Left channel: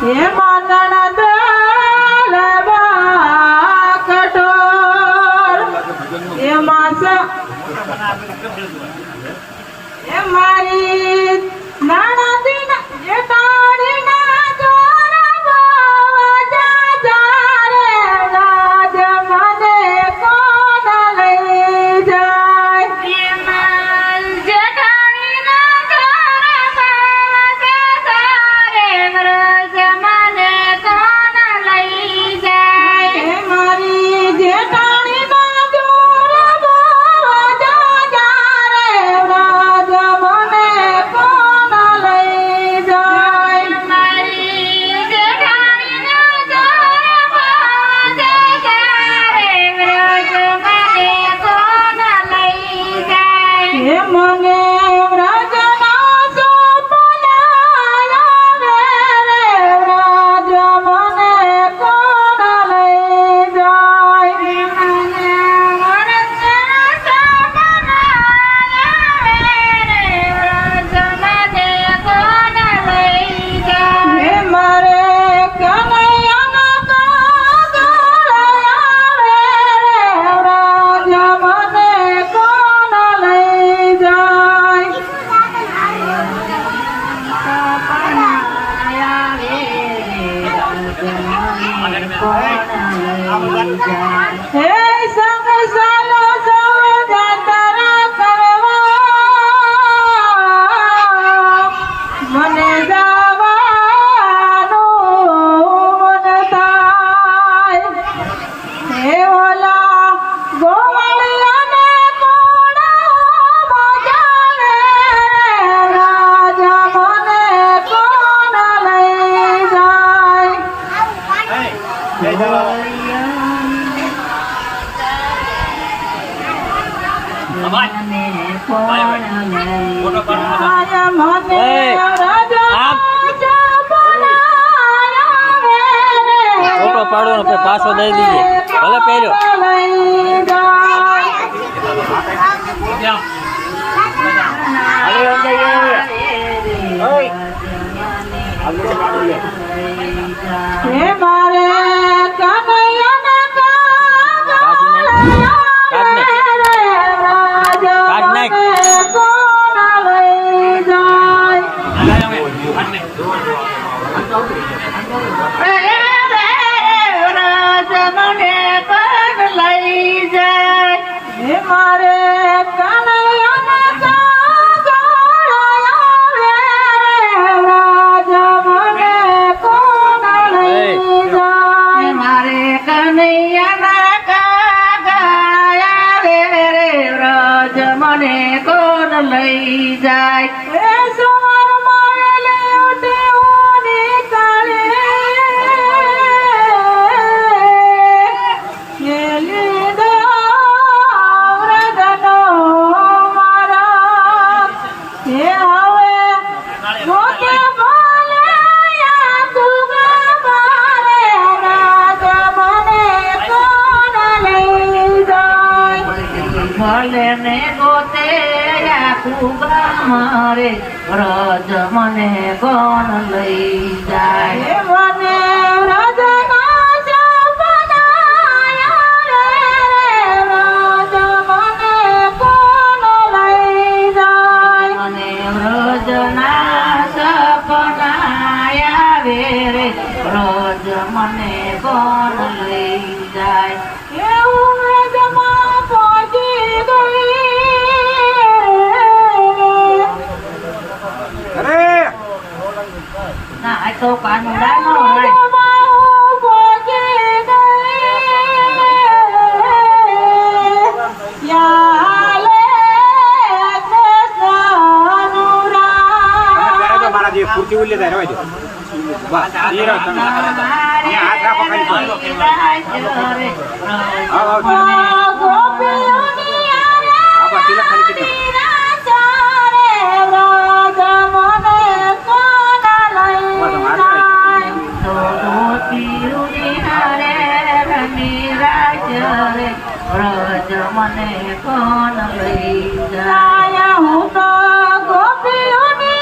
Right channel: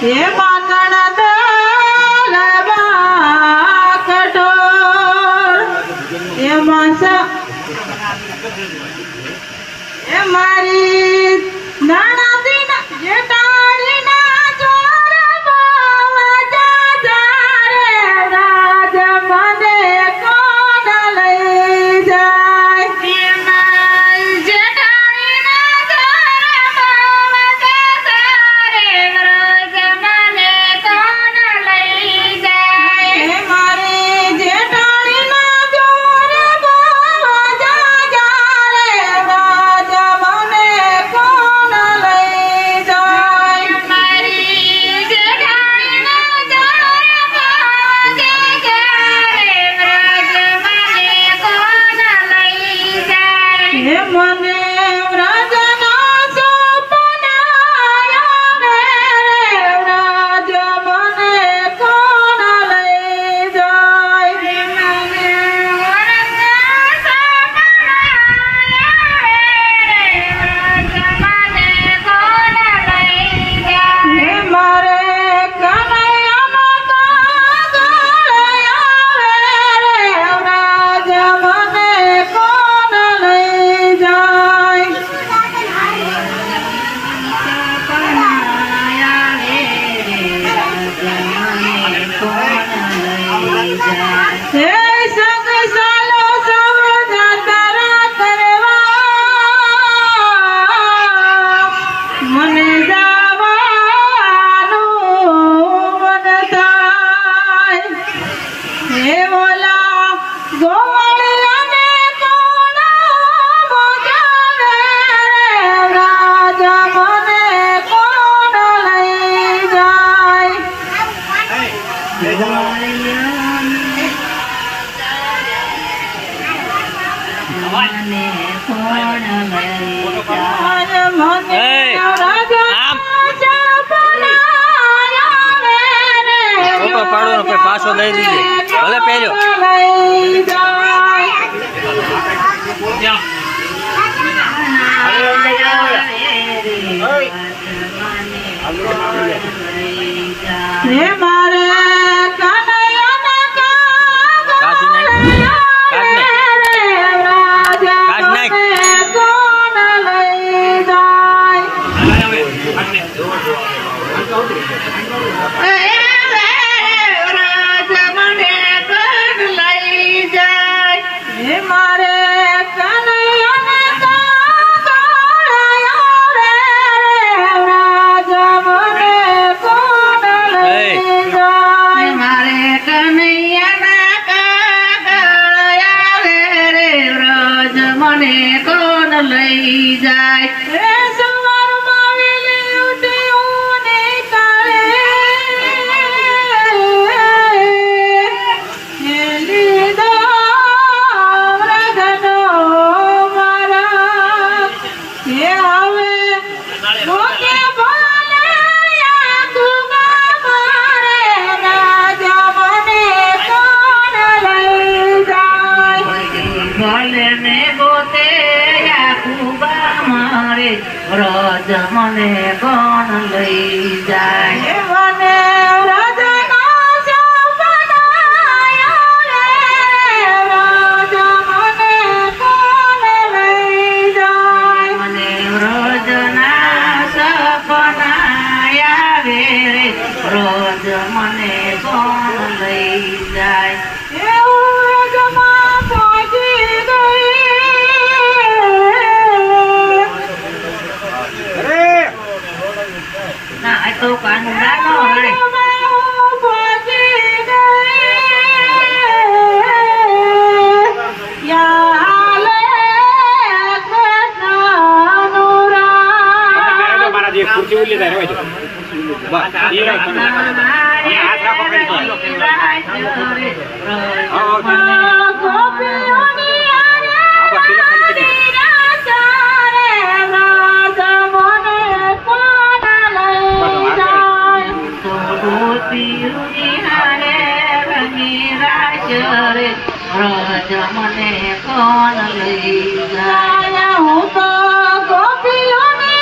હે માગણ દલવા કઠોળ એ માસ એ મારી નણદી ના જેટાડી ના ચોરા બાવા જારે રાજ મને કોણ લઈ જાય જેટાડી ના ચોરા બાવા જારે રાજ મને કોણ લઈ જાય હે મારી જેટાડી ના ચોરા બાવા જારે રાજ મને કોણ લઈ જાય મારી જેટાડી ના ચોરા બાવા જારે રાજ મને કોણ લઈ જાય હે મને વ્રજના સપના આવે રાજ મને કોણ લઈ જાય મને વ્રજના સપના આવે રાજ મને કોણ લઈ જાય હે મારે કનૈયાનો કાગળ આવે રાજ મને કોણ લઈ જાય હે સંગ સાલો સૌ જાતરા કરવા મને જવાનું મન થાય હે ઓલા ગોવળિયાને કોણ મગાવે રાજ મને કોણ લઈ જાય ફોટો પાડો ને પછી પાછો દઈ દીજે ભલે પહેર્યો હે મારે કનૈયાને કાઢ નાખ કાઢ નાખ કોણ લઈ જાય રાજ મને કોણ લઈ જાય હે મારે કનૈયાને કાગળ આવે રાજ મને કોણ લઈ જાય મારે કનૈયાના કાગળ આવે રે રાજ મને કોણ લઈ જાય હે સવારમાં વેલી ઉઠી હું નીકળી હે લીધો વ્રતનો મારા હે હવે મોટે બોલે આખું મારે રાજ મને કોણ લઈ જાય ભલે ને ગોતે આખું મારે રાજ મને કોણ લઈ જાય મને રાજનો સપના આવે રાજ મને કોણ લઈ જાય મને રાજના સપના આવે રે રાજ મને કોણ લઈ જાય એવું વેગમાં પહોંચી ગઈ ના આ તો કાનુડાનો રે વ્રજ મને કોણ લઈ જાય હું તો ગોપીઓની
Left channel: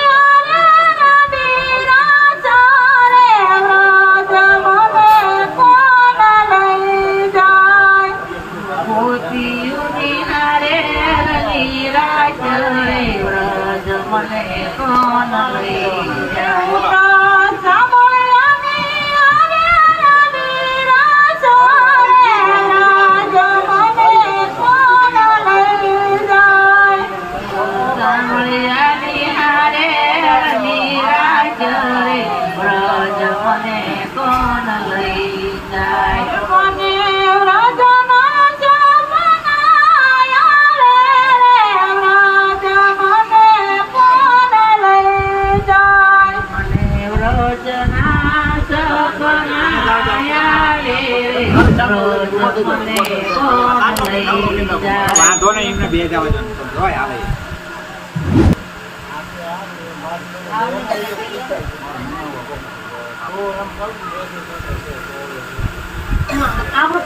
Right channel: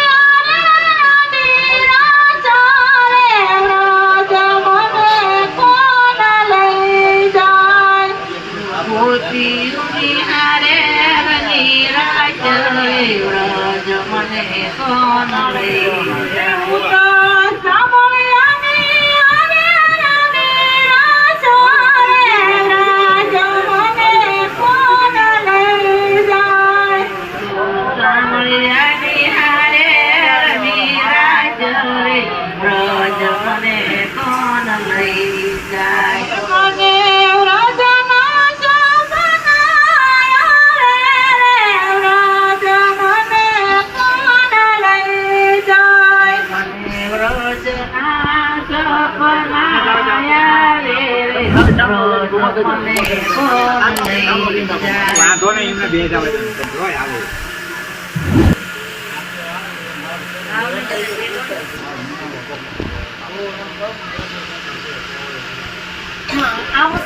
મને કોણ લઈ જાય વાંધો નહીં એમને બે જ આવે હોય આવે આવો